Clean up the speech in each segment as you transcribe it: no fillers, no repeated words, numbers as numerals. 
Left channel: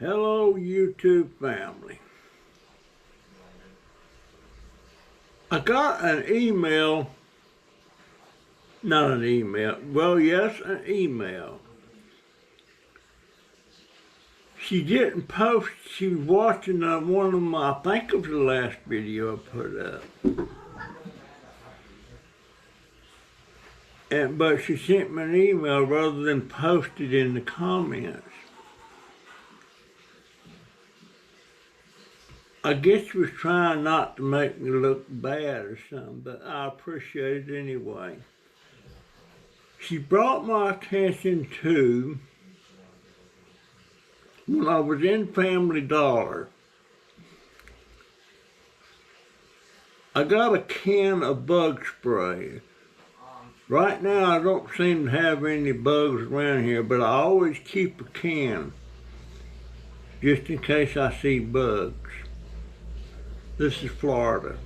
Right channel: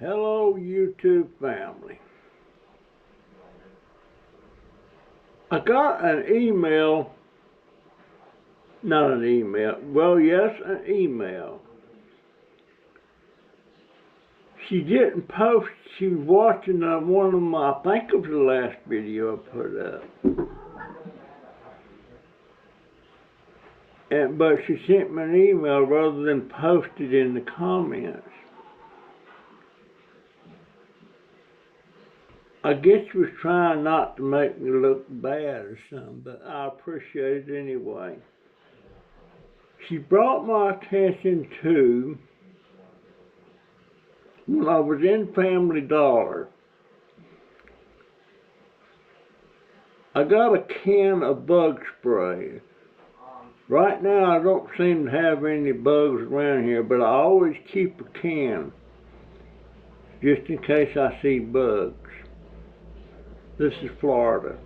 Hello, YouTube family. I got an email, not an email, well, yes, an email. She didn't post, she was watching one of my, I think it was the last video I put up. But she sent me an email rather than post it in the comments. I guess she was trying not to make me look bad or something, but I appreciate it anyway. She brought my attention to when I was in Family Dollar. I got a can of bug spray. Right now I don't seem to have any bugs around here, but I always keep a can just in case I see bugs. This is Florida.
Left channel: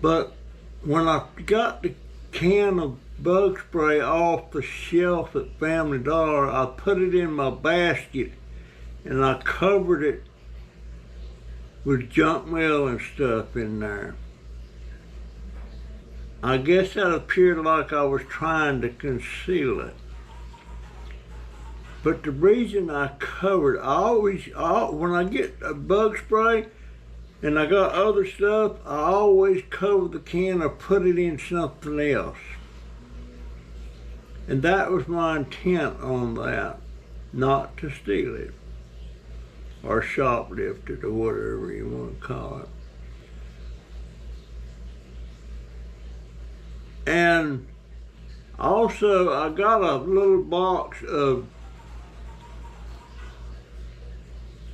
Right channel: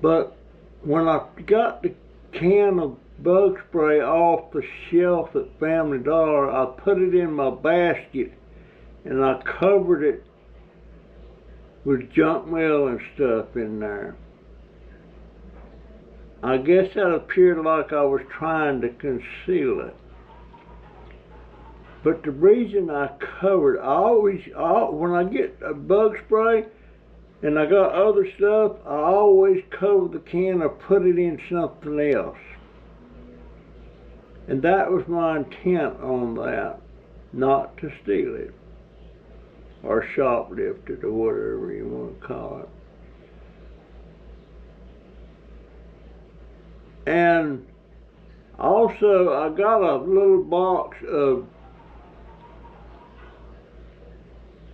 But when I got the can of bug spray off the shelf at Family Dollar, I put it in my basket and I covered it with junk mail and stuff in there. I guess that appeared like I was trying to conceal it. But the reason I covered, when I get a bug spray and I got other stuff, I always cover the can or put it in something else. And that was my intent on that, not to steal it or shoplift it or whatever you want to call it. And also I got a little box of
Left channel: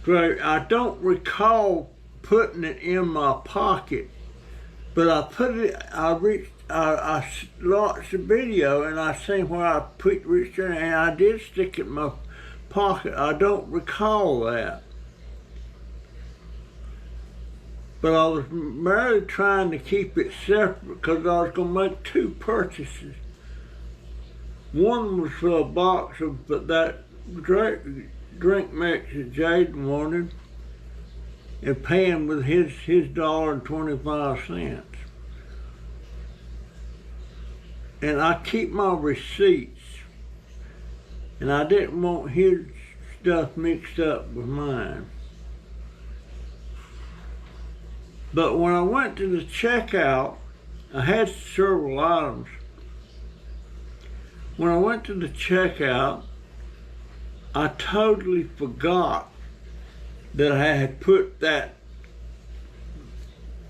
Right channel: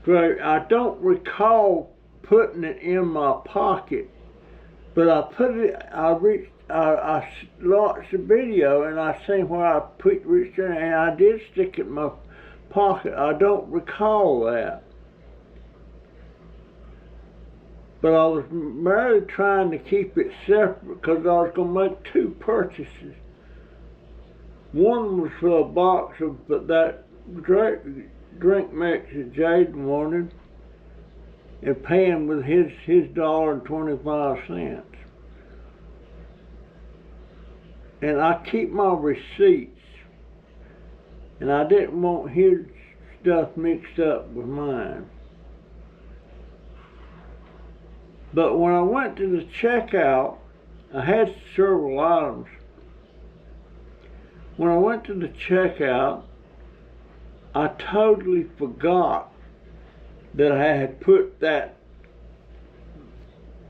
grape. I don't recall putting it in my pocket, but I watched the video and I seen where I reached in and I did stick it in my pocket. I don't recall that. But I was merely trying to keep it separate because I was going to make two purchases. One was for a box of that drink mix that Jaden wanted and paying with his $1.25. And I keep my receipts, and I didn't want his stuff mixed up with mine. But when I went to the checkout, I had several items. When I went to the checkout, I totally forgot that I had put that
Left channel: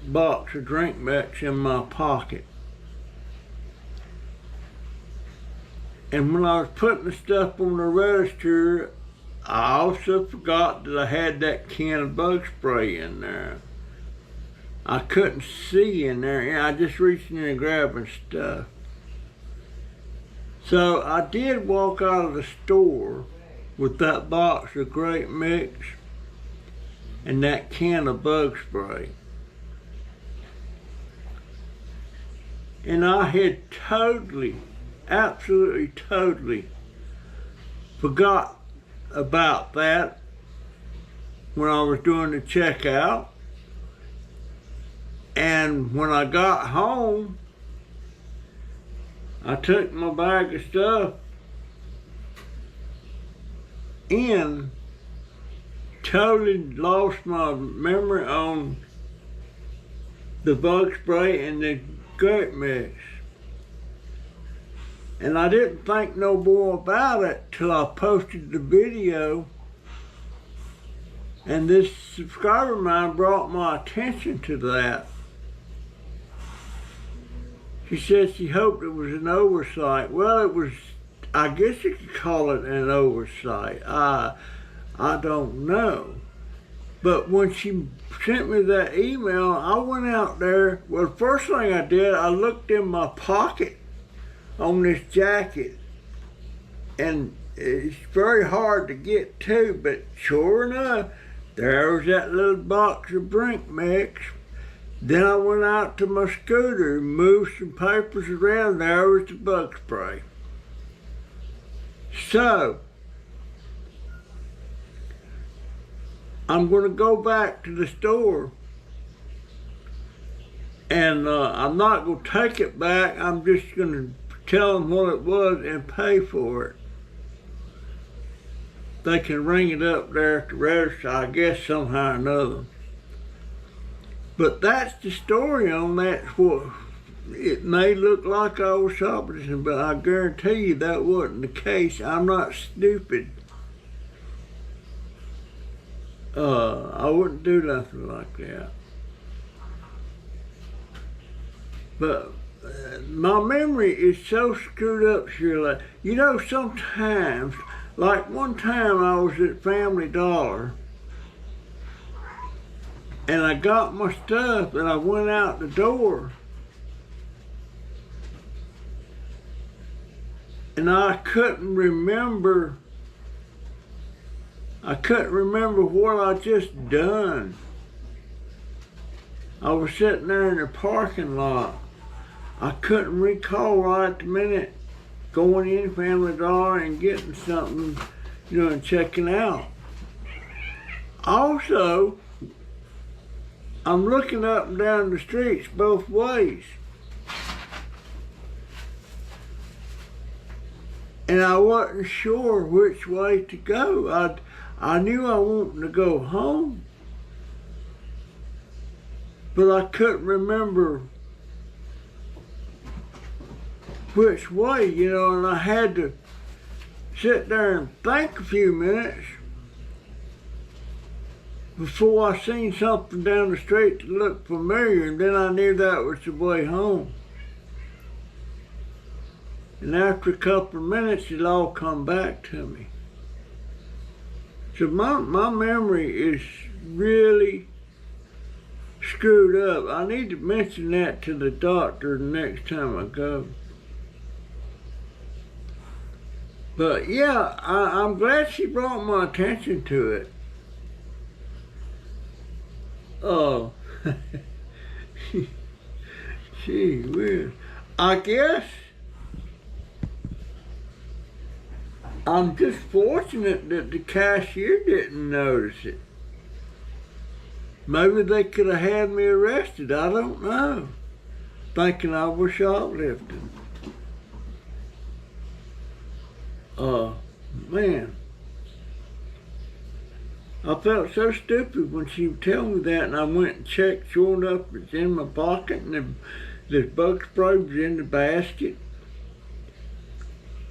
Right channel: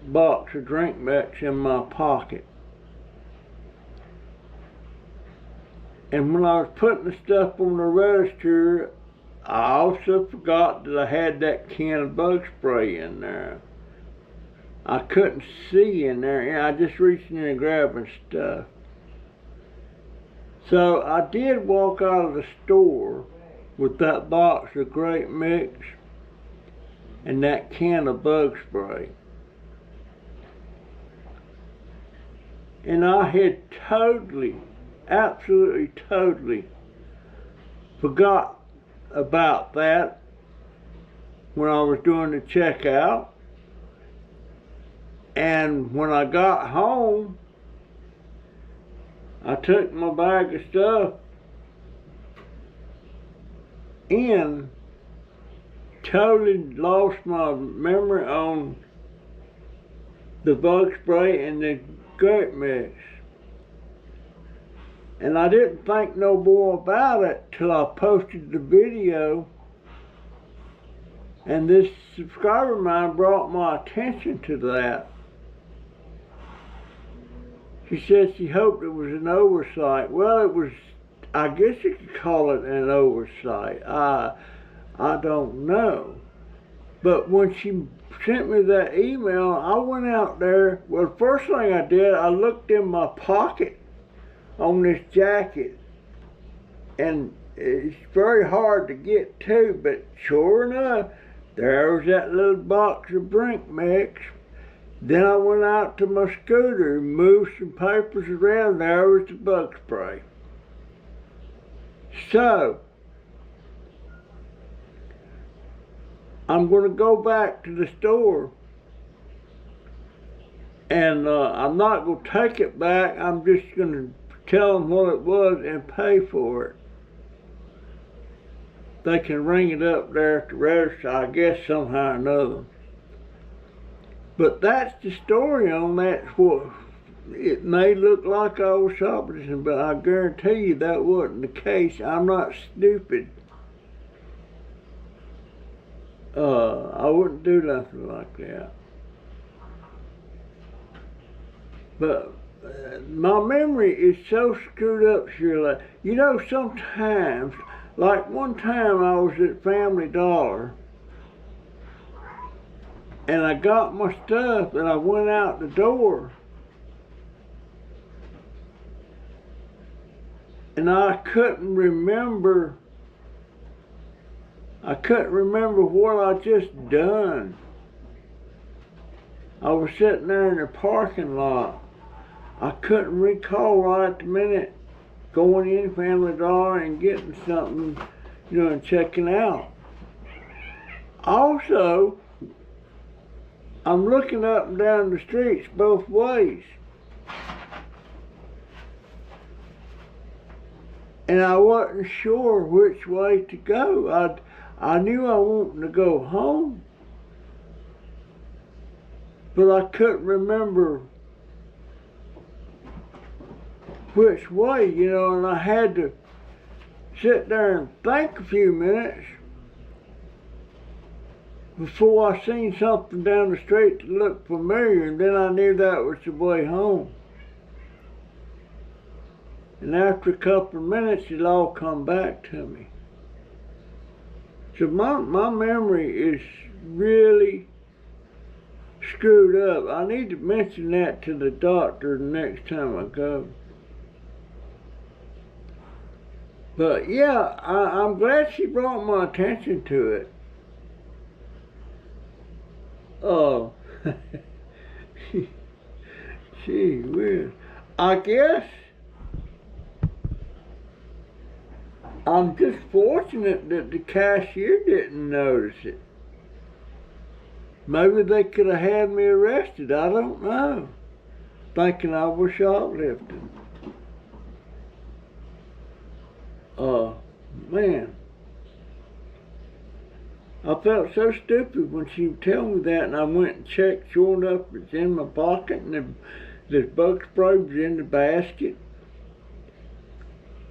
box of drink mix in my pocket. And when I was putting the stuff on the register, I also forgot that I had that can of bug spray in there. I couldn't see in there, and I just reached in and grabbing stuff. So I did walk out of the store with that box of grape mix and that can of bug spray. And I had absolutely totally forgot about that when I was doing the checkout. And when I got home, I took my bag of stuff and totally lost my memory on the bug spray and the grape mix. And I didn't think no more about it till I posted the video, and this subscriber of mine brought my attention to that. She said she hoped it was an oversight. Well, it was, I guess you could call it an oversight. I don't know. But when she sent me that email, I went out there. Well, the first thing I did, I looked in my pocket on this jacket. And it's very hard to get to, but sure enough, there was that little box of drink mix. Then I went out to my scooter and moved some papers around. There was the bug spray. So, I'm going to go back to the store, and I'm not going to take it back. I'm just going to tell them what it was and pay for it. They can ring it up there at the register, I guess, somehow or another. But that's the story on that. What it may look like I was shoplifting, but I guarantee you that wasn't the case. I'm not stupid. I wouldn't do nothing like that. But my memory is so screwed up, Shirley. You know, sometimes, like one time I was at Family Dollar, and I got my stuff, and I went out the door, and I couldn't remember what I just done. I was sitting there in the parking lot. I couldn't recall right at the minute going in Family Dollar and getting something, you know, and checking out. Also, I'm looking up and down the streets both ways. And I wasn't sure which way to go. I knew I wanted to go home, but I couldn't remember which way, you know, and I had to sit there and think a few minutes before I seen something down the street that looked familiar, and then I knew that was the way home. And after a couple of minutes, it all come back to me. So my memory is really screwed up. I need to mention that to the doctor the next time I go. But yeah, I'm glad she brought my attention to it. Oh, gee whiz. I guess I'm just fortunate that the cashier didn't notice it. Maybe they could have had me arrested, I don't know, thinking I was shoplifting. Man, I felt so stupid when she told me that, and I went and checked. Sure enough, it's in my pocket, and this bug spray was in the basket.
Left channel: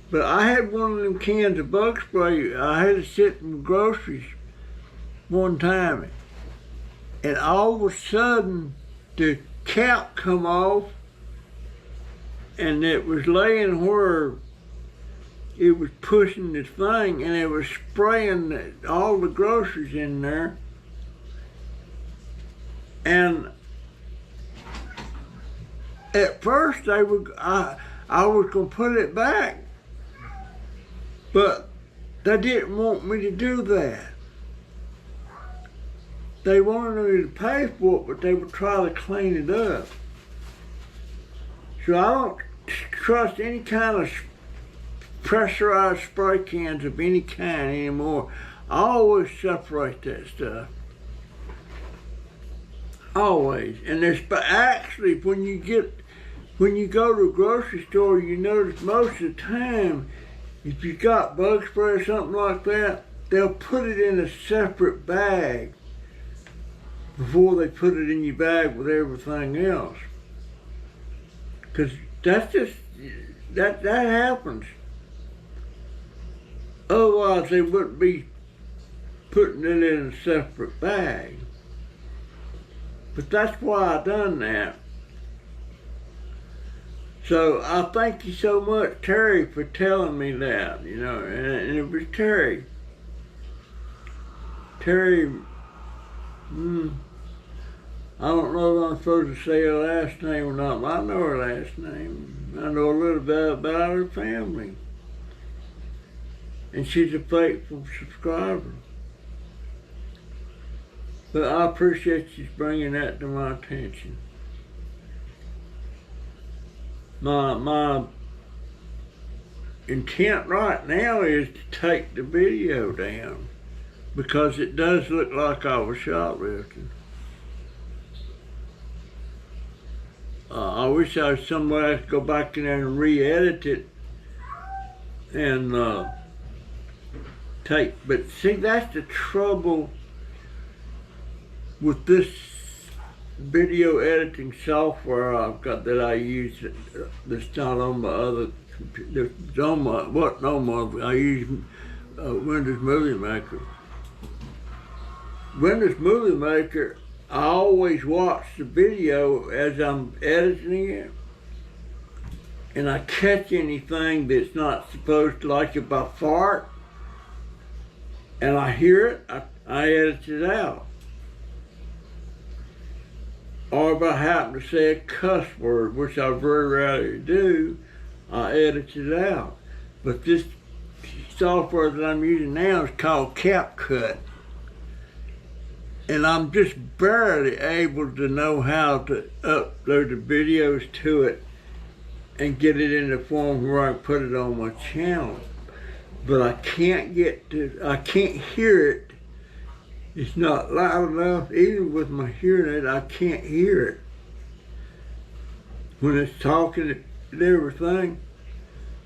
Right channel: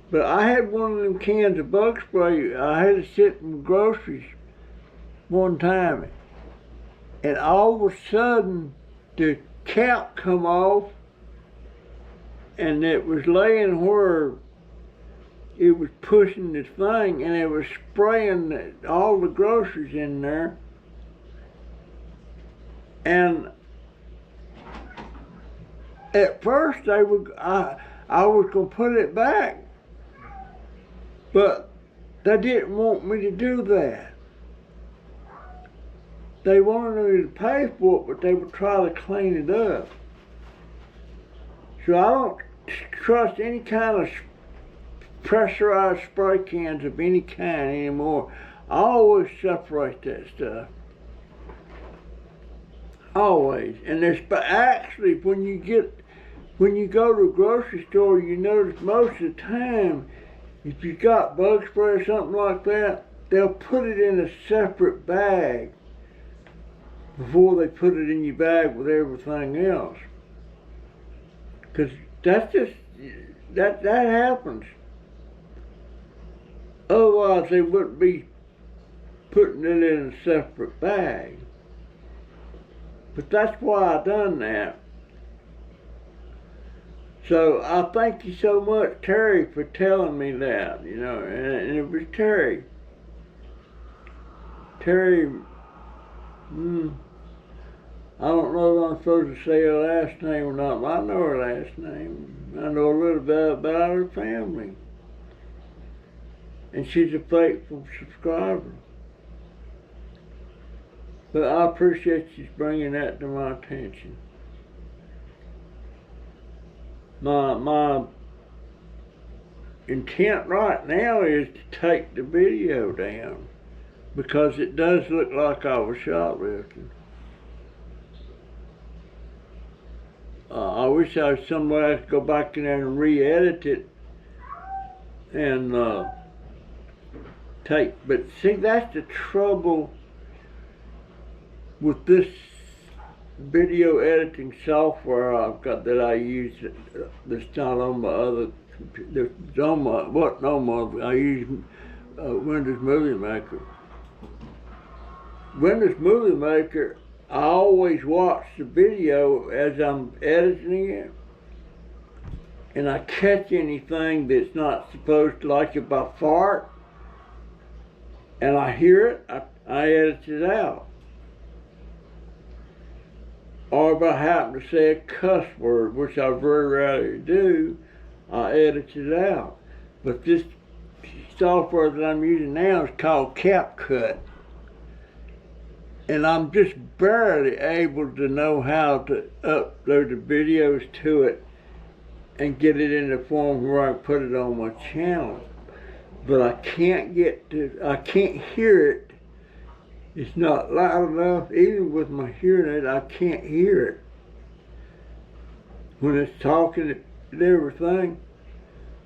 But I had one of them cans of bug spray. I had to sit in groceries one time, and all of a sudden the cap come off, and it was laying where it was pushing the thing, and it was spraying all the groceries in there. And at first I was gonna put it back, but they didn't want me to do that. They wanted me to pay for it, but they would try to clean it up. So I don't trust any kind of pressurized spray cans of any kind anymore. I always separate that stuff. Always. And there's actually when you go to a grocery store, you notice most of the time, if you got bug spray or something like that, they'll put it in a separate bag before they put it in your bag with everything else. Because that's just, that happens. Otherwise, they wouldn't be putting it in a separate bag. But that's why I done that. So I thank you so much, Terry, for telling me that, you know, and it was Terry. Terry, I don't know if I'm supposed to say her last name or not, but I know her last name. I know a little bit about her family. And she's a faithful subscriber. But I appreciate you bringing that to my attention. My intent right now is to take the video down. because it does look like I was shoplifting. I wish I was somewhere I could go back in there and re-edit it and but see, that's the trouble with this video editing software I've got that I use that's not on my other computer. I use Windows Movie Maker. Windows Movie Maker, I always watch the video as I'm editing it, and I catch anything that's not supposed to, like if I fart and I hear it, I edit it out. Or if I happen to say a cuss word, which I very rarely do, I edit it out. But this software that I'm using now is called CapCut. And I'm just barely able to know how to upload the videos to it and get it in the form where I can put it on my channel. But I can't hear it. It's not loud enough. Even with my hearing aid, I can't hear it when it's talking and everything.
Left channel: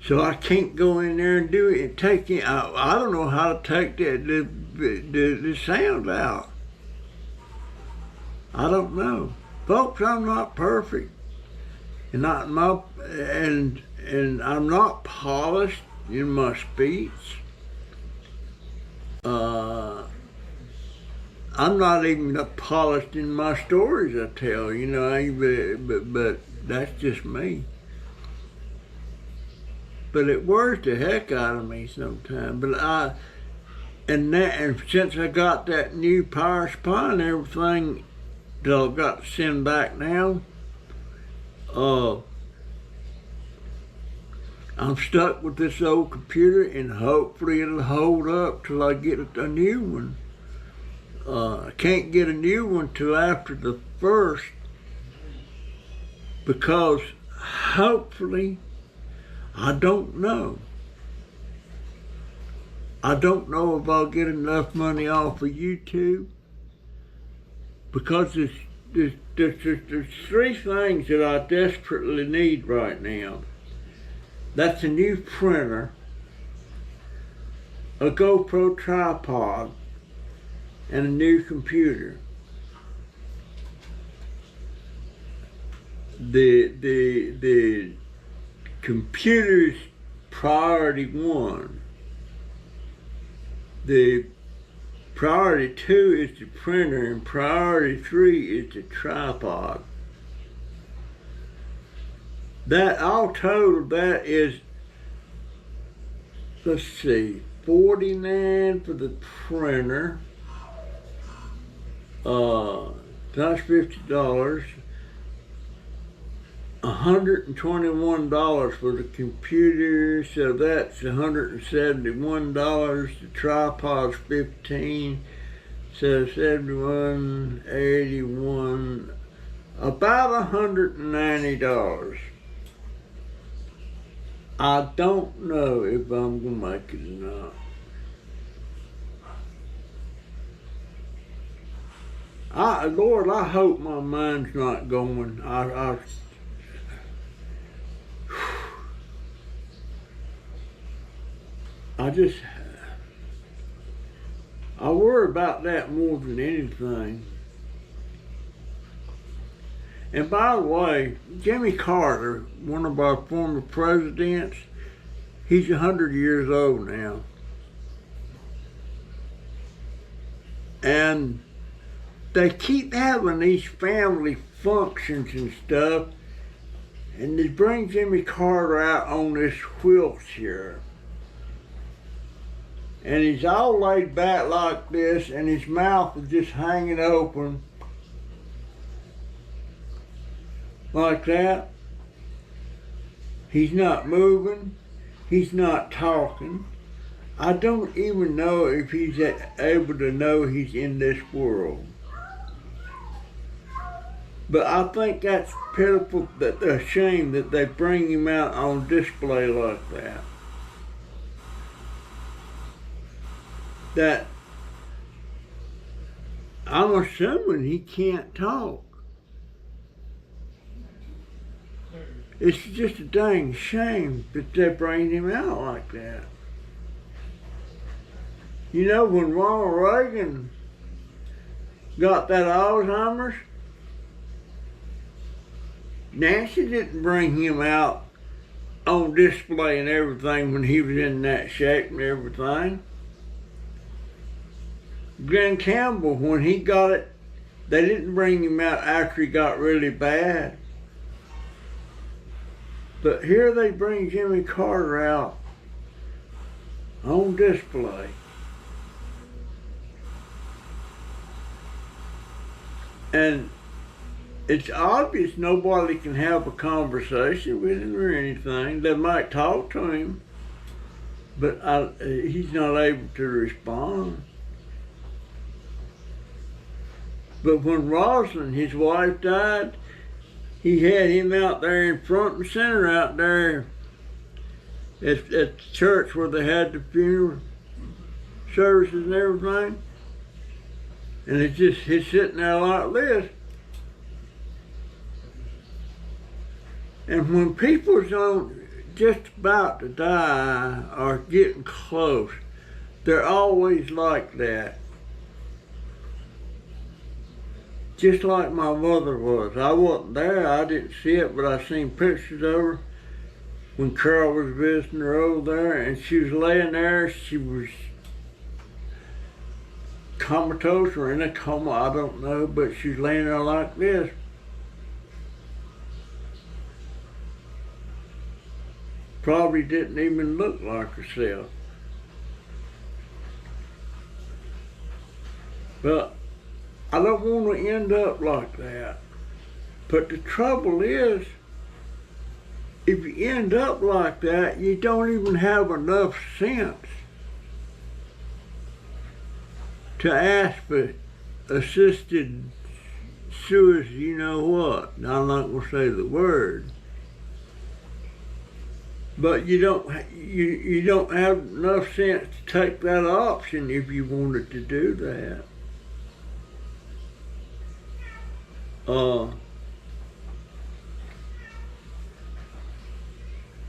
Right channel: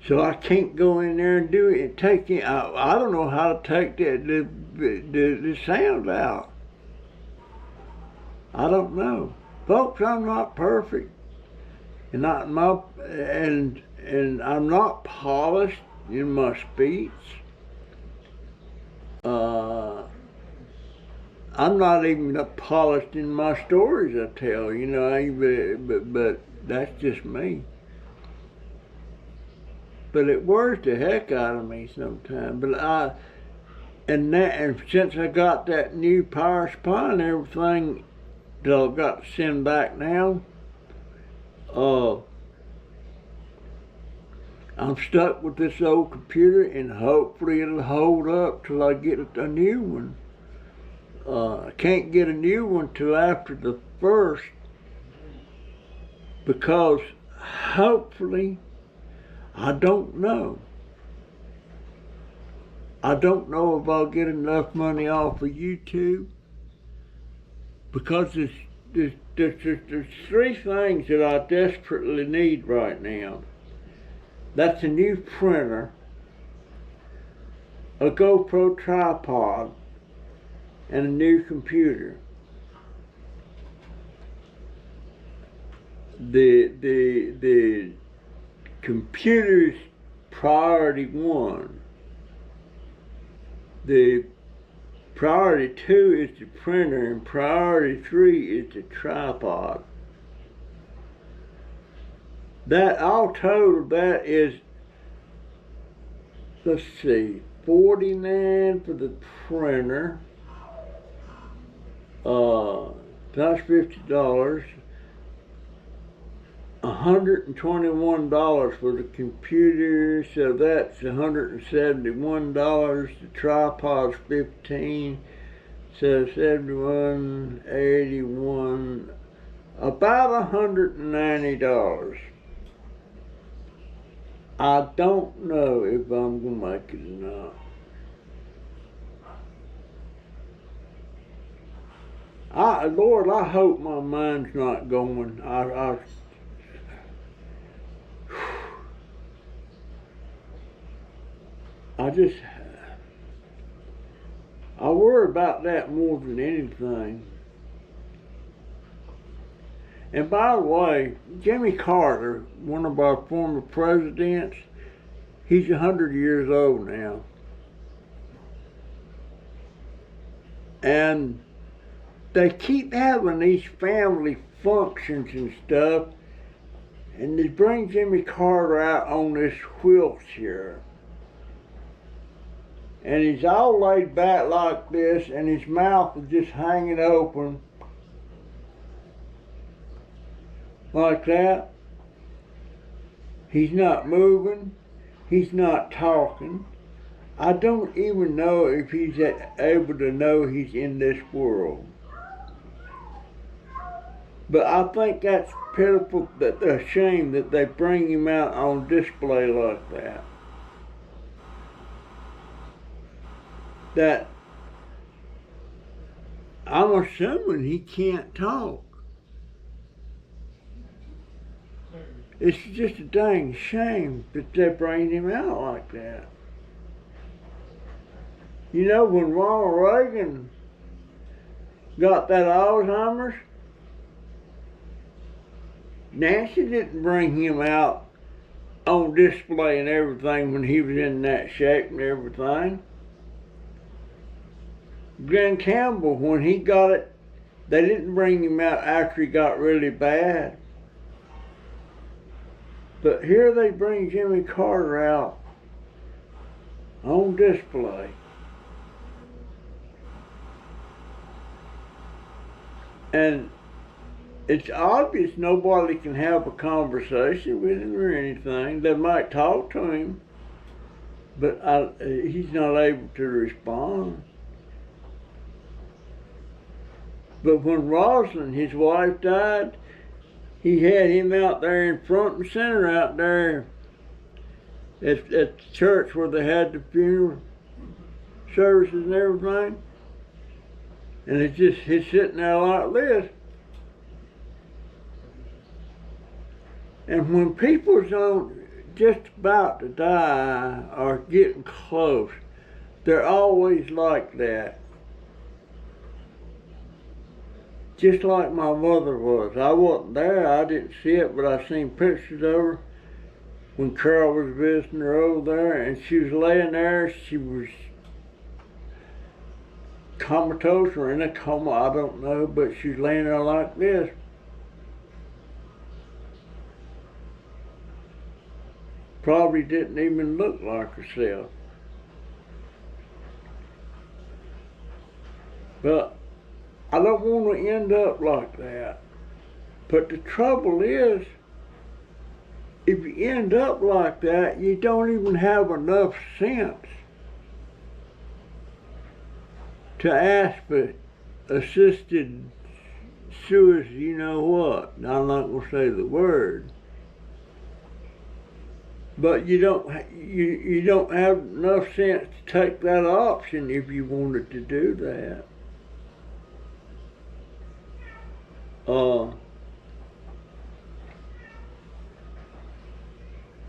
So I can't go in there and do it and take it. I don't know how to take the sound out. I don't know. Folks, I'm not perfect. And I'm not polished in my speech. I'm not even polished in my stories I tell, but that's just me. But it wears the heck out of me sometimes. And since I got that new power supply and everything that I've got to send back now, I'm stuck with this old computer, and hopefully it'll hold up till I get a new one. I can't get a new one till after the 1st, because hopefully, I don't know. I don't know if I'll get enough money off of YouTube, because there's 3 things that I desperately need right now. That's a new printer, a GoPro tripod, and a new computer. The computer's priority 1. The priority 2 is the printer, and priority 3 is the tripod. That all total, that is, let's see, $49 for the printer. That's $50. $121 for the computer, so that's $171. The tripod's $15, so $71, $81, about $190. I don't know if I'm gonna make it or not. Lord, I hope my mind's not going. I worry about that more than anything. And by the way, Jimmy Carter, one of our former presidents, he's 100 years old now. And they keep having these family functions and stuff, and they bring Jimmy Carter out on this wheelchair. And he's all laid back like this, and his mouth is just hanging open like that. He's not moving. He's not talking. I don't even know if he's able to know he's in this world. But I think that's pitiful, that a shame that they bring him out on display like that. That I'm assuming he can't talk. It's just a dang shame that they bring him out like that. You know, when Ronald Reagan got that Alzheimer's, Nancy didn't bring him out on display and everything when he was in that shape and everything. Glenn Campbell, when he got it, they didn't bring him out after he got really bad. But here they bring Jimmy Carter out on display. And it's obvious nobody can have a conversation with him or anything. They might talk to him, but he's not able to respond. But when Rosalind, his wife, died, he had him out there in front and center out there at the church where they had the funeral services and everything. And he's sitting there like this. And when people's just about to die or getting close, they're always like that. Just like my mother was. I wasn't there, I didn't see it, but I seen pictures of her when Carol was visiting her over there, and she was laying there. She was comatose or in a coma, I don't know, but she was laying there like this. Probably didn't even look like herself. But I don't want to end up like that. But the trouble is, if you end up like that, you don't even have enough sense to ask for assisted suicide, you know what. I'm not going to say the word. But you don't have enough sense to take that option if you wanted to do that.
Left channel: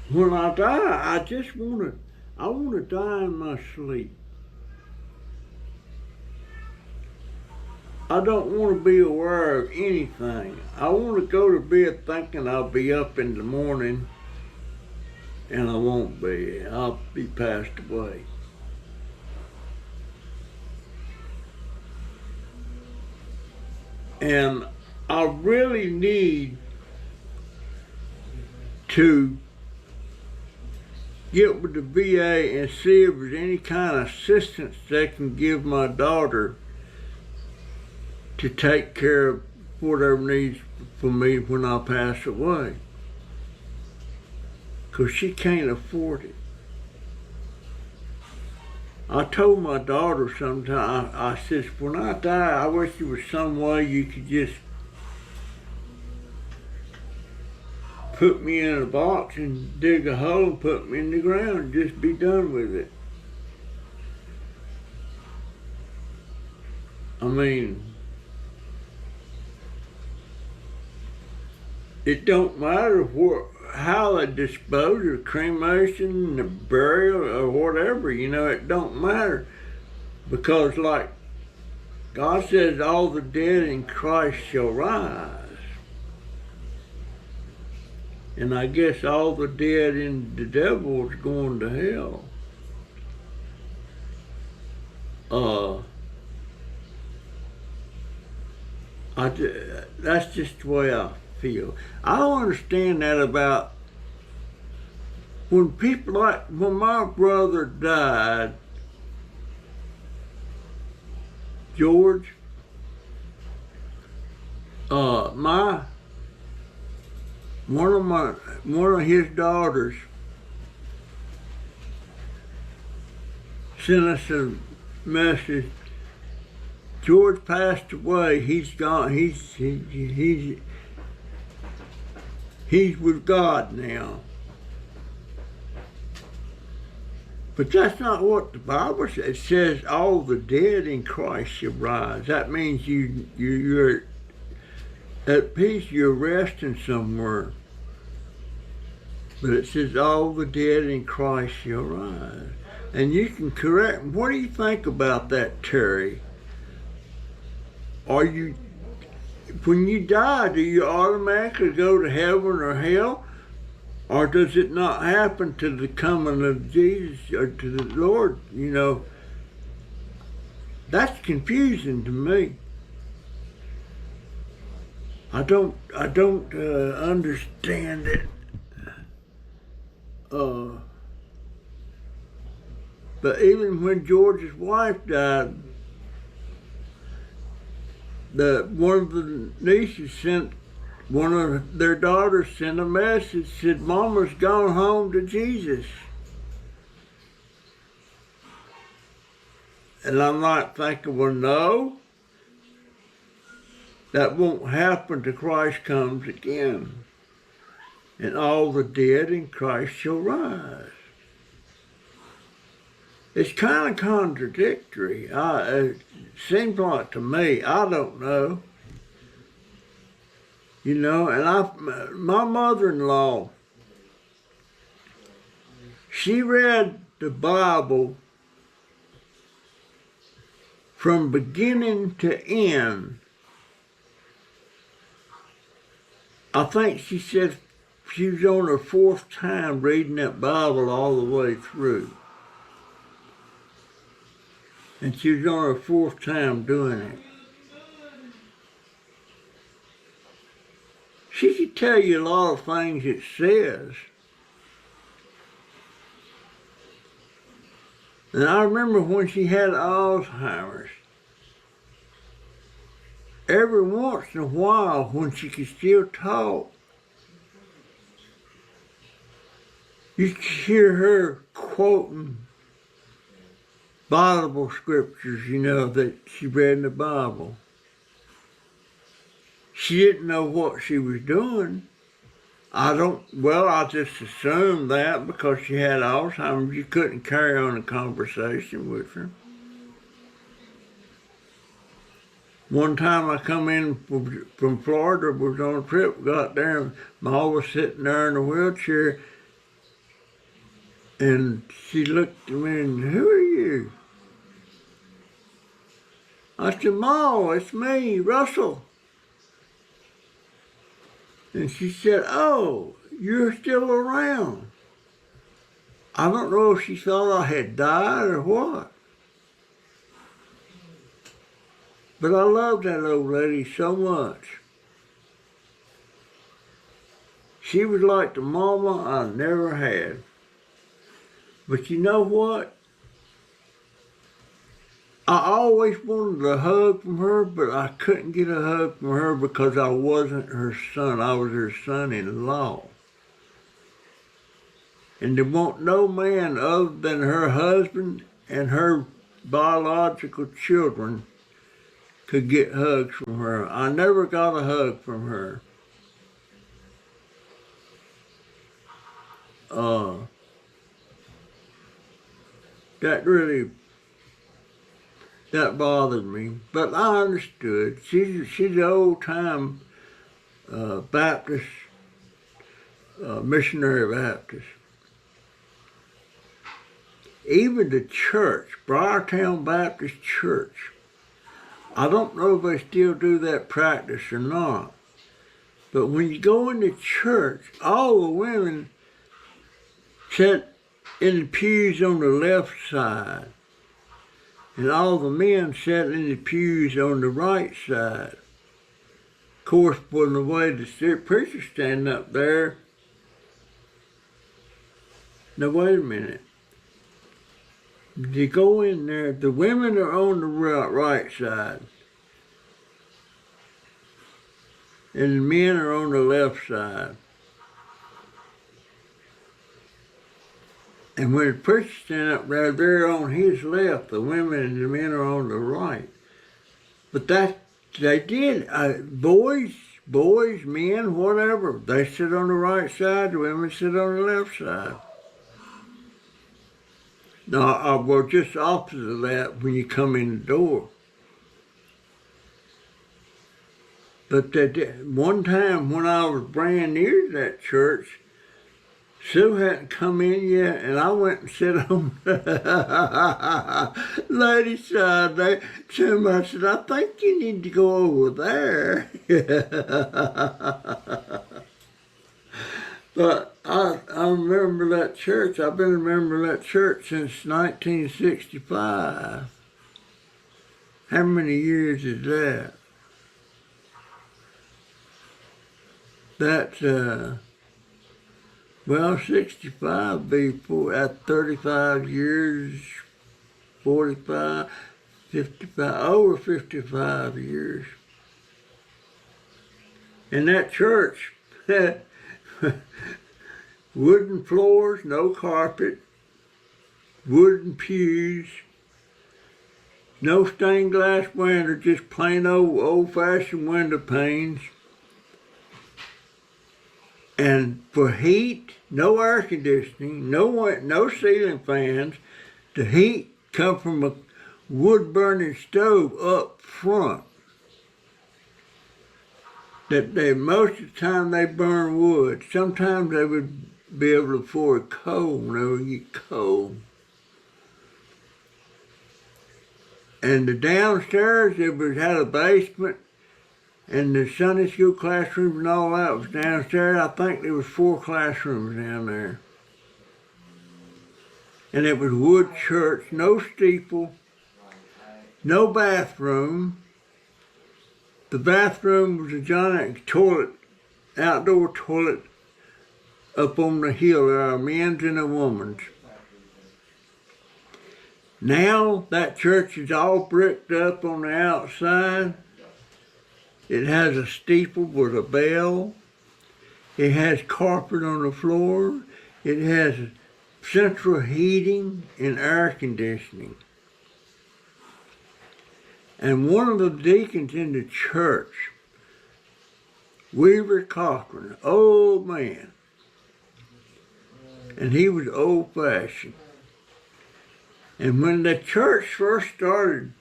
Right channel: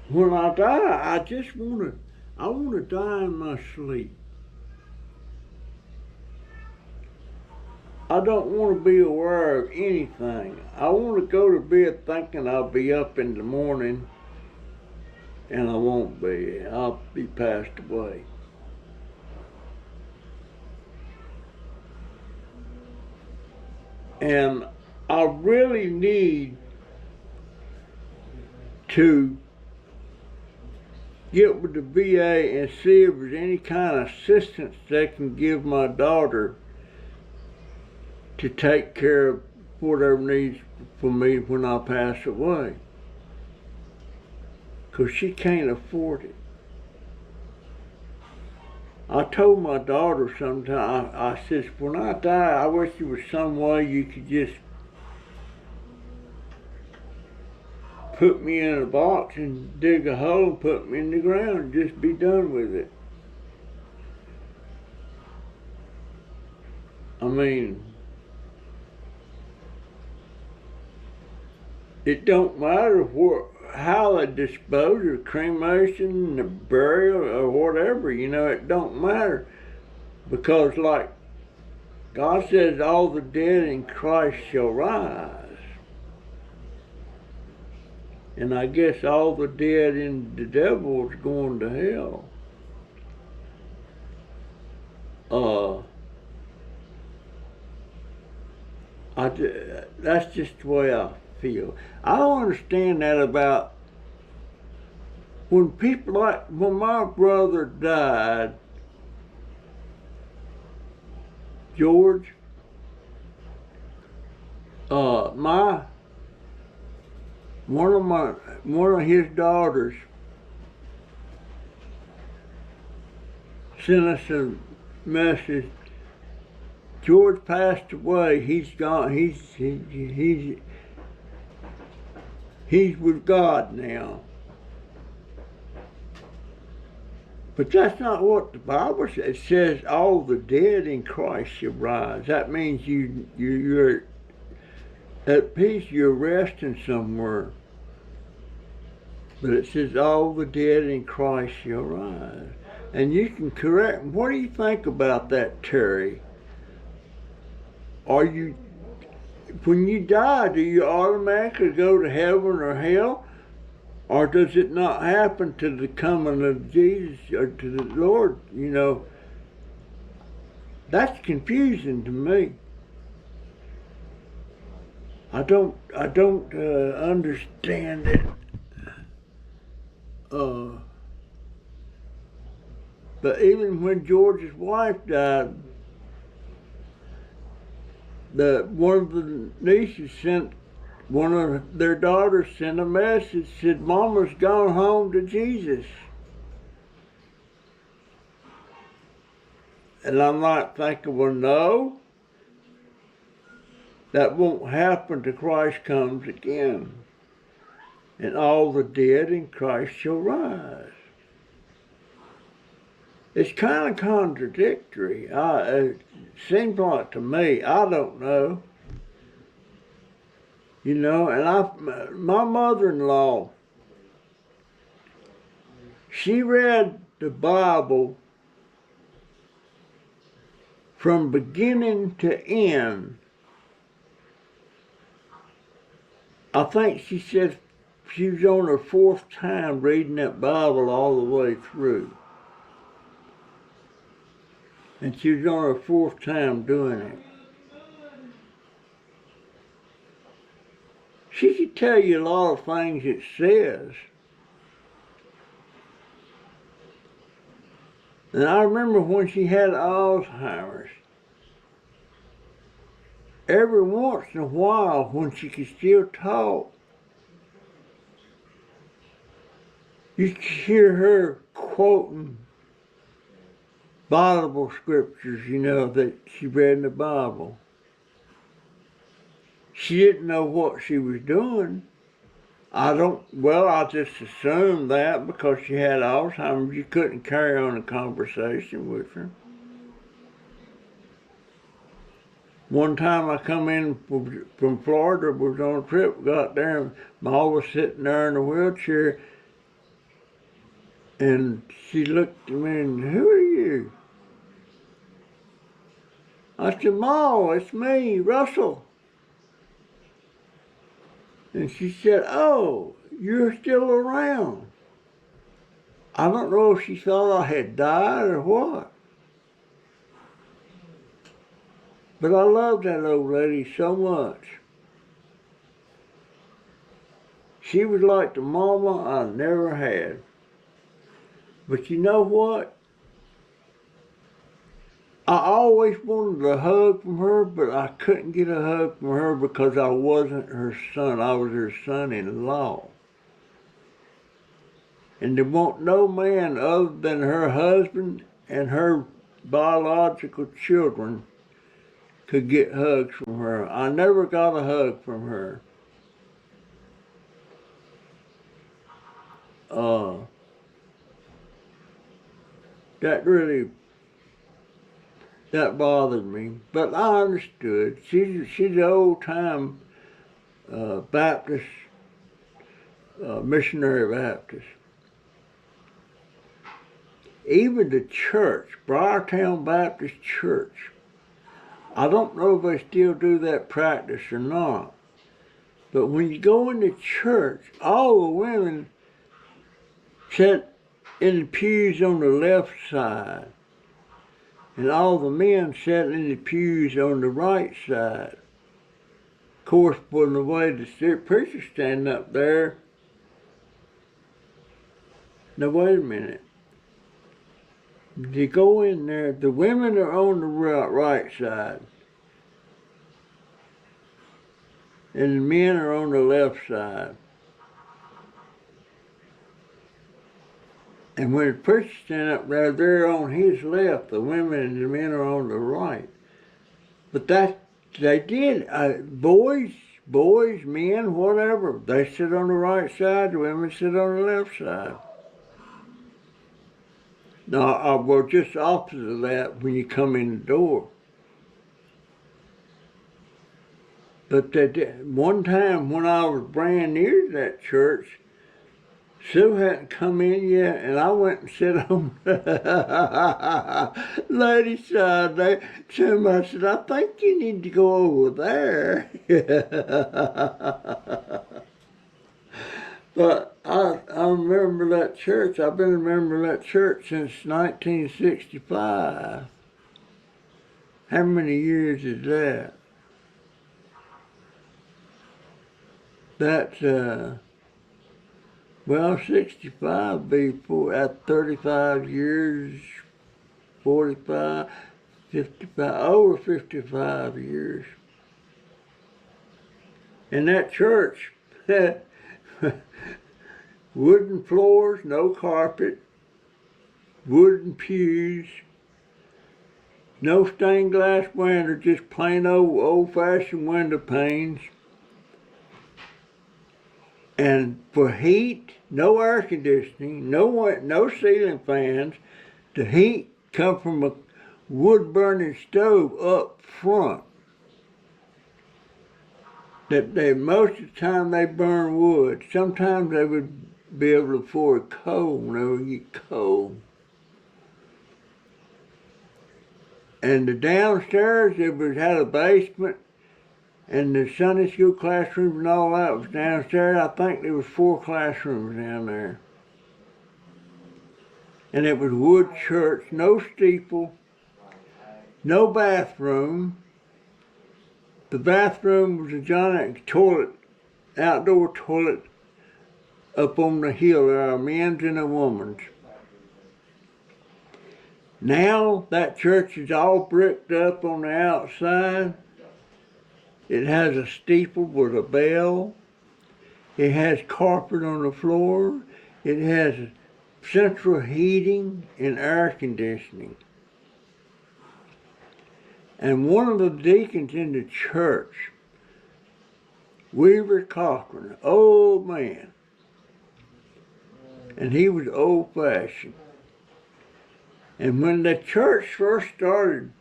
When I die, I want to die in my sleep. I don't want to be aware of anything. I want to go to bed thinking I'll be up in the morning, and I won't be. I'll be passed away. And I really need to get with the VA and see if there's any kind of assistance they can give my daughter to take care of whatever needs for me when I pass away. 'Cause she can't afford it. I told my daughter sometime, I said, when I die, I wish there was some way you could just put me in a box and dig a hole and put me in the ground and just be done with it. I mean, it don't matter how they dispose of cremation, the burial, or whatever, it don't matter. Because like God says, all the dead in Christ shall rise. And I guess all the dead in the devil is going to hell. That's just the way I feel. I don't understand that about when people when my brother died, George, one of his daughters sent us a message. George passed away. He's gone. He's with God now. But that's not what the Bible says. It says all the dead in Christ shall rise. That means you're at peace, you're resting somewhere. But it says all the dead in Christ shall rise. And you can correct. What do you think about that, Terry? Are you, when you die, do you automatically go to heaven or hell? Or does it not happen to the coming of Jesus or to the Lord? You know, that's confusing to me. I don't understand it. But even when George's wife died, one of the nieces sent, one of their daughters sent a message, said, Mama's gone home to Jesus. And I'm like thinking, well, no, that won't happen till Christ comes again. And all the dead in Christ shall rise. It's kind of contradictory. It seems like to me, I don't know. You know, and my mother-in-law, she read the Bible from beginning to end. I think she said she was on her 4th time reading that Bible all the way through. And she was on her 4th time doing it. She could tell you a lot of things it says. And I remember when she had Alzheimer's, every once in a while when she could still talk, you could hear her quoting Bible scriptures, you know, that she read in the Bible. She didn't know what she was doing. I just assumed that because she had Alzheimer's, you couldn't carry on a conversation with her. One time I come in from Florida, was on a trip, got there, and Ma was sitting there in a wheelchair, and she looked at me and, who are you? I said, Ma, it's me, Russell. And she said, oh, you're still around. I don't know if she thought I had died or what. But I loved that old lady so much. She was like the mama I never had. But you know what? I always wanted a hug from her, but I couldn't get a hug from her because I wasn't her son. I was her son-in-law. And there wasn't no man other than her husband and her biological children could get hugs from her. I never got a hug from her. That bothered me, but I understood. She's an old-time Baptist, missionary Baptist. Even the church, Briartown Baptist Church, I don't know if they still do that practice or not, but when you go into church, all the women sit in the pews on the left side, and all the men sat in the pews on the right side. Of course, when the way the preacher standing up there, now wait a minute. You go in there, the women are on the right side, and the men are on the left side. And when the preacher stands up there, they're on his left. The women and the men are on the right. But they did. Boys, men, whatever. They sit on the right side. The women sit on the left side. No, well, just opposite of that when you come in the door. But that one time when I was brand new to that church, Sue hadn't come in yet, and I went and sat on the ladies' side there. Somebody said, I think you need to go over there. But I remember that church. I've been remembering that church since 1965. How many years is that? That's, well, 65 be at 35 years, 45, 55, over 55 years. And that church, wooden floors, no carpet, wooden pews, no stained glass window, just plain old-fashioned window panes. And for heat, no air conditioning, no ceiling fans. The heat come from a wood-burning stove up front. That most of the time they burn wood. Sometimes they would be able to afford coal when they would get cold. And the downstairs, had a basement, and the Sunday school classrooms and all that was downstairs. I think there was 4 classrooms down there. And it was wood church, no steeple, no bathroom. The bathroom was a giant toilet, outdoor toilet, up on the hill. There are a men's and a woman's. Now that church is all bricked up on the outside. It has a steeple with a bell. It has carpet on the floor. It has central heating and air conditioning. And one of the deacons in the church, Weaver Cochran, old man, and he was old-fashioned. And when the church first started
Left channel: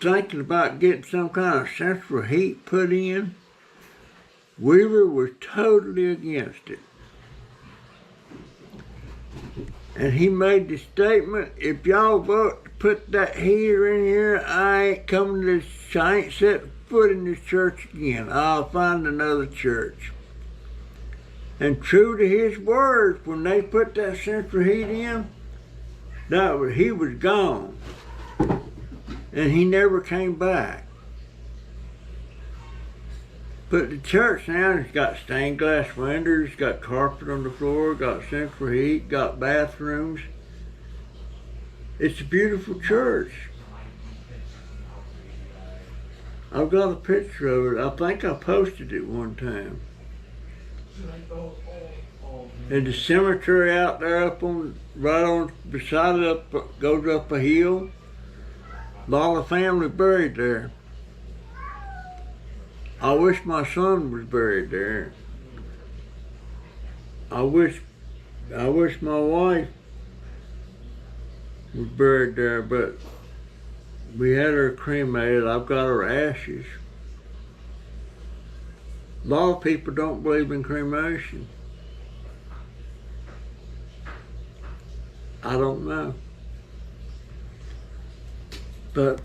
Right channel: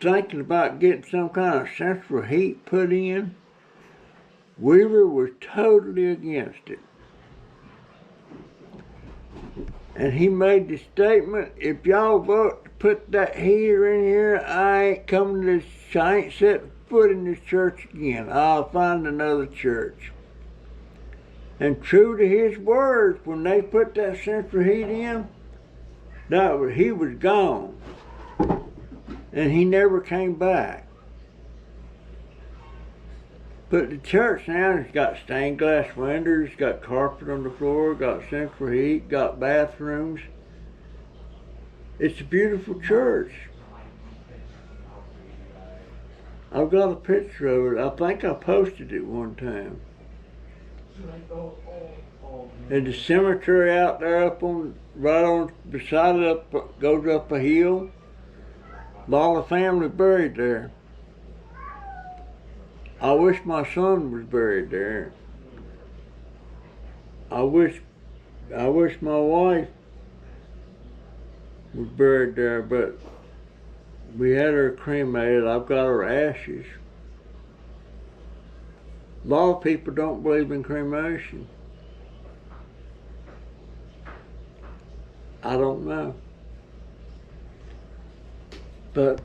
thinking about getting some kind of central heat put in, Weaver was totally against it. And he made the statement, if y'all vote to put that heater in here, I ain't coming to this, I ain't set foot in this church again. I'll find another church. And true to his words, when they put that central heat in, he was gone. And he never came back. But the church now has got stained glass windows, got carpet on the floor, got central heat, got bathrooms. It's a beautiful church. I've got a picture of it. I think I posted it one time. And the cemetery out there beside it, goes up a hill. A lot of family buried there. I wish my son was buried there. I wish my wife was buried there, but we had her cremated. I've got her ashes. A lot of people don't believe in cremation. I don't know. But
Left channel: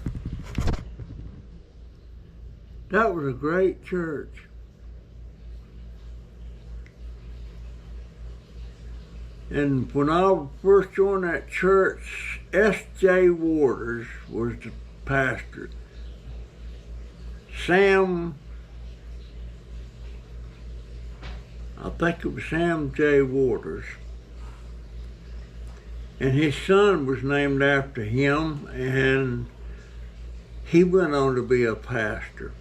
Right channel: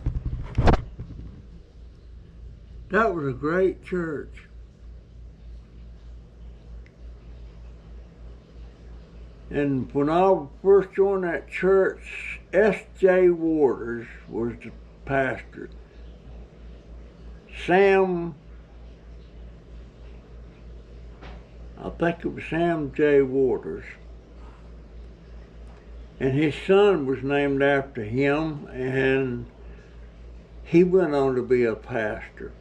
that was a great church. And when I first joined that church, S.J. Waters was the pastor. I think it was Sam J. Waters. And his son was named after him, and he went on to be a pastor.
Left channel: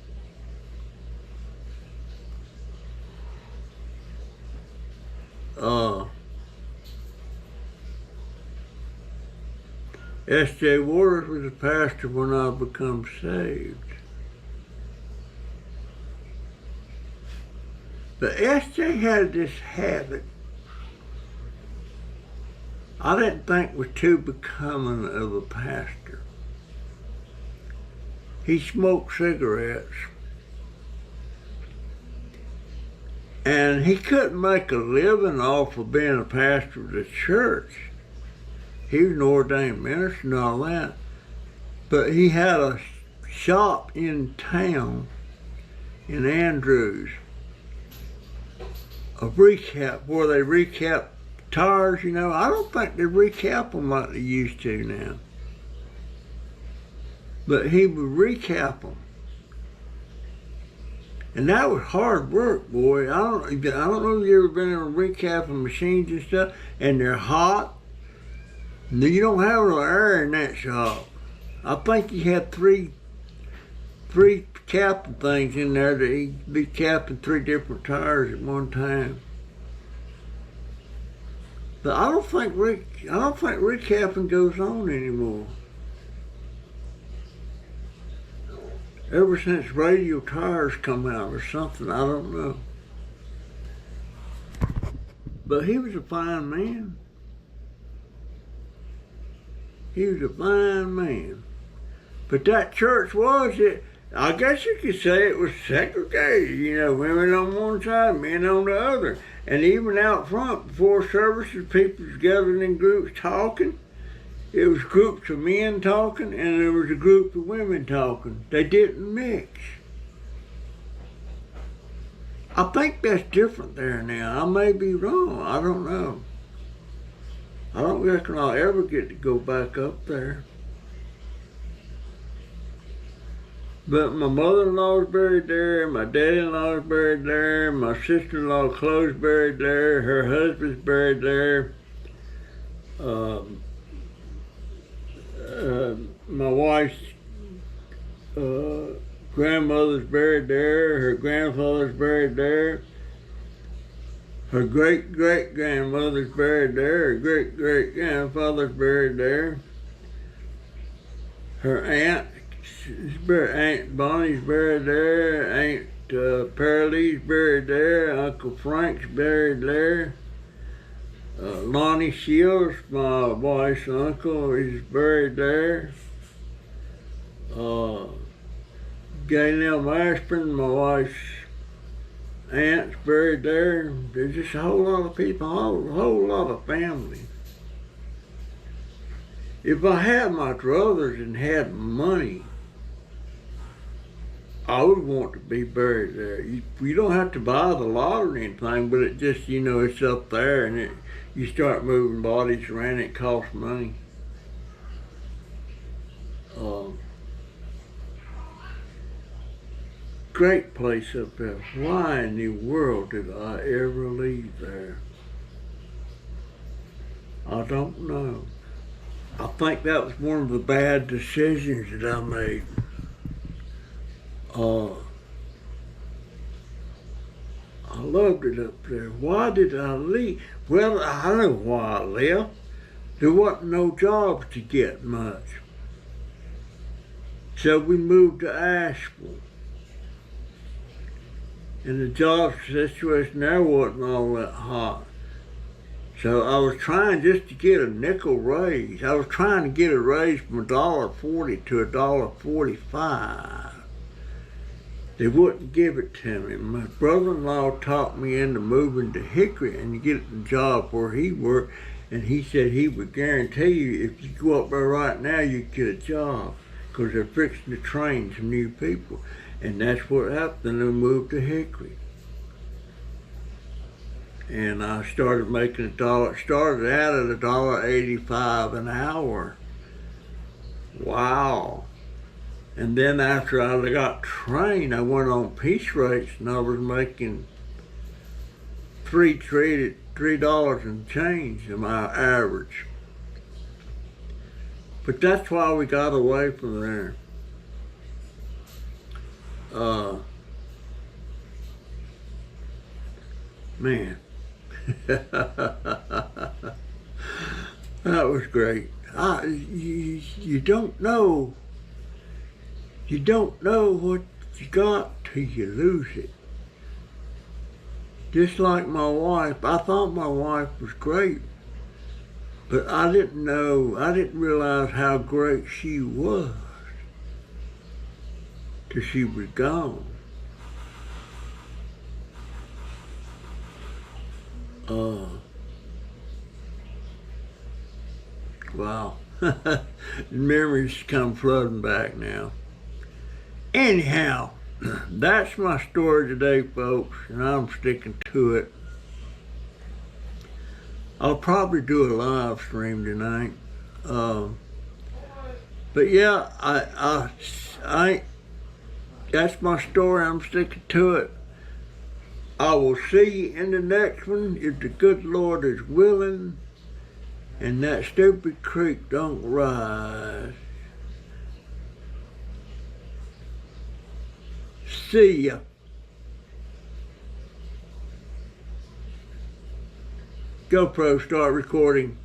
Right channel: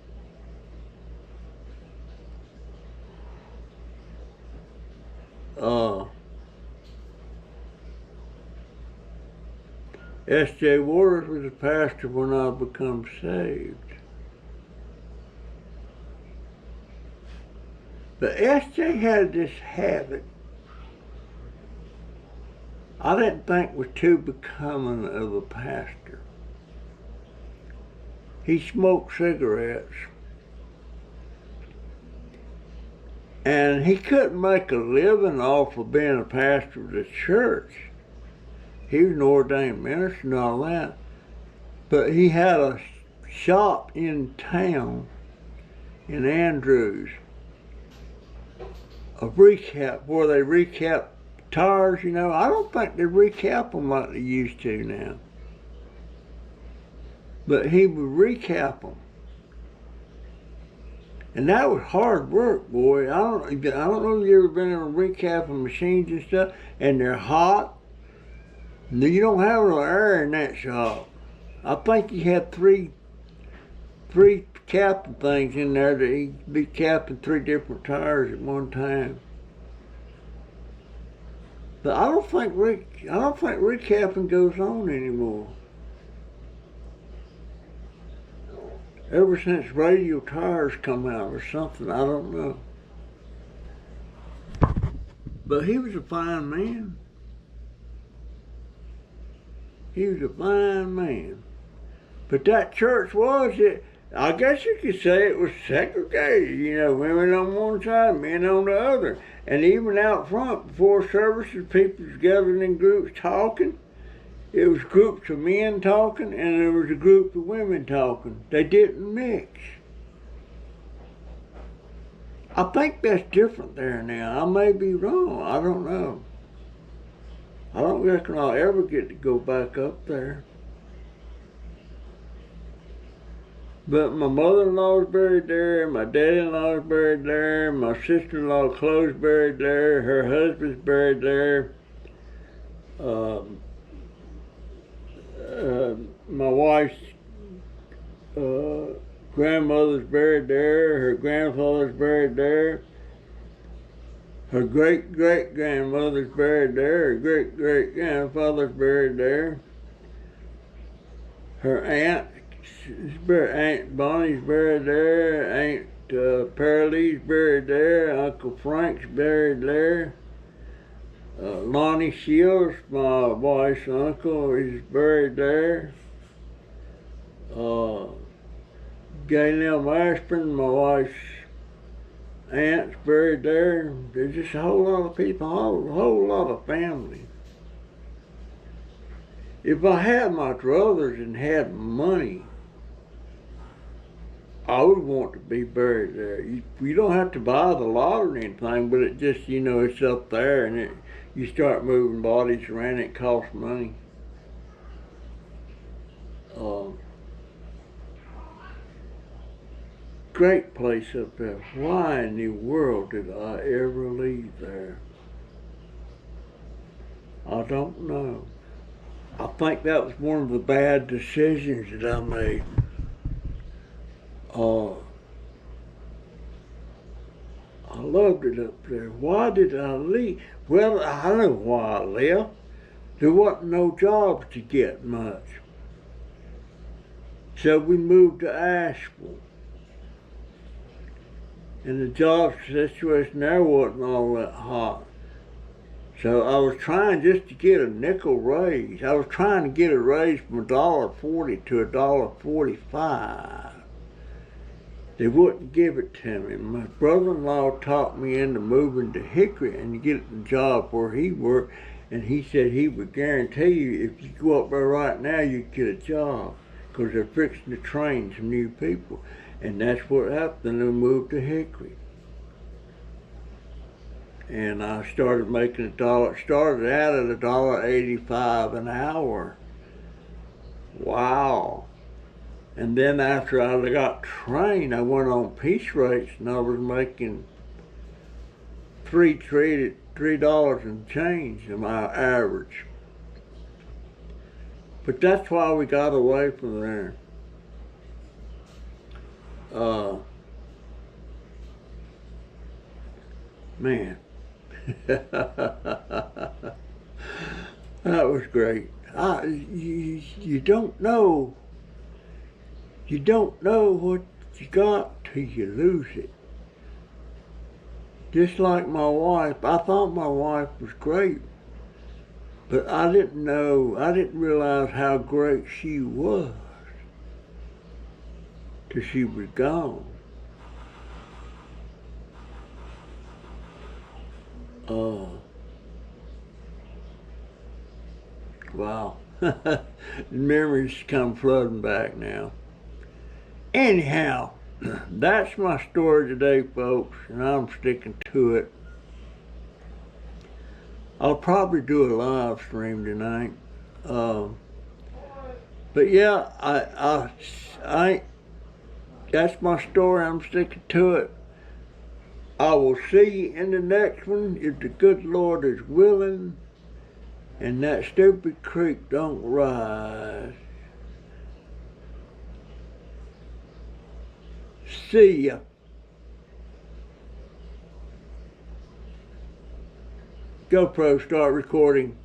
S.J. Waters was a pastor when I become saved. But S.J. had this habit. I didn't think was too becoming of a pastor. He smoked cigarettes. And he couldn't make a living off of being a pastor of the church. He was an ordained minister and all that. But he had a shop in town, in Andrews, a recap, where they recap tires, you know. I don't think they recap them like they used to now. But he would recap them. And that was hard work, boy. I don't know if you ever been in a recapping machines and stuff, and they're hot. You don't have no air in that shop. I think he had three capping things in there that he'd be capping 3 different tires at one time. But I don't think recapping goes on anymore. Ever since radio tires come out or something, I don't know. But he was a fine man. He was a fine man. But that church I guess you could say it was segregated, you know, women on one side, men on the other. And even out front, before services, people was gathering in groups talking. It was groups of men talking, and there was a group of women talking. They didn't mix. I think that's different there now. I may be wrong. I don't know. I don't reckon I'll ever get to go back up there. But my mother-in-law was buried there, my daddy-in-law was buried there, my sister-in-law Chloe's buried there, her husband's buried there. My wife's grandmother's buried there, her grandfather's buried there, her great-great-grandmother's buried there, her great-great-grandfather's buried there, her Aunt Bonnie's buried there, Aunt Pearlie's buried there, Uncle Frank's buried there. Lonnie Shields, my wife's uncle, is buried there. Gaynell Mashburn, my wife's aunt's buried there. There's just a whole lot of people, a whole lot of family. If I had my druthers and had money, I would want to be buried there. You don't have to buy the lot or anything, but it just, you know, it's up there, and you start moving bodies around, it costs money. Great place up there. Why in the world did I ever leave there? I don't know. I think that was one of the bad decisions that I made. I loved it up there. Why did I leave? Well, I know why I left. There wasn't no jobs to get much. So we moved to Asheville. And the job situation there wasn't all that hot. So I was trying just to get a nickel raise. I was trying to get a raise from $1.40 to $1.45. They wouldn't give it to me. My brother-in-law talked me into moving to Hickory and getting a job where he worked, and he said he would guarantee you if you go up there right now, you'd get a job, because they're fixing to train some new people. And that's what happened. Then I moved to Hickory. And I started making started out at $1.85 an hour. Wow. And then after I got trained, I went on piece rates, and I was making $3 and change in my average. But that's why we got away from there. Man, that was great. You don't know. You don't know what you got till you lose it. Just like my wife, I thought my wife was great. But I didn't realize how great she was till she was gone. Wow. Memories come flooding back now. Anyhow, that's my story today, folks, and I'm sticking to it. I'll probably do a live stream tonight. But yeah, that's my story. I'm sticking to it. I will see you in the next one if the good Lord is willing and that stupid creek don't rise. See ya. GoPro, start recording.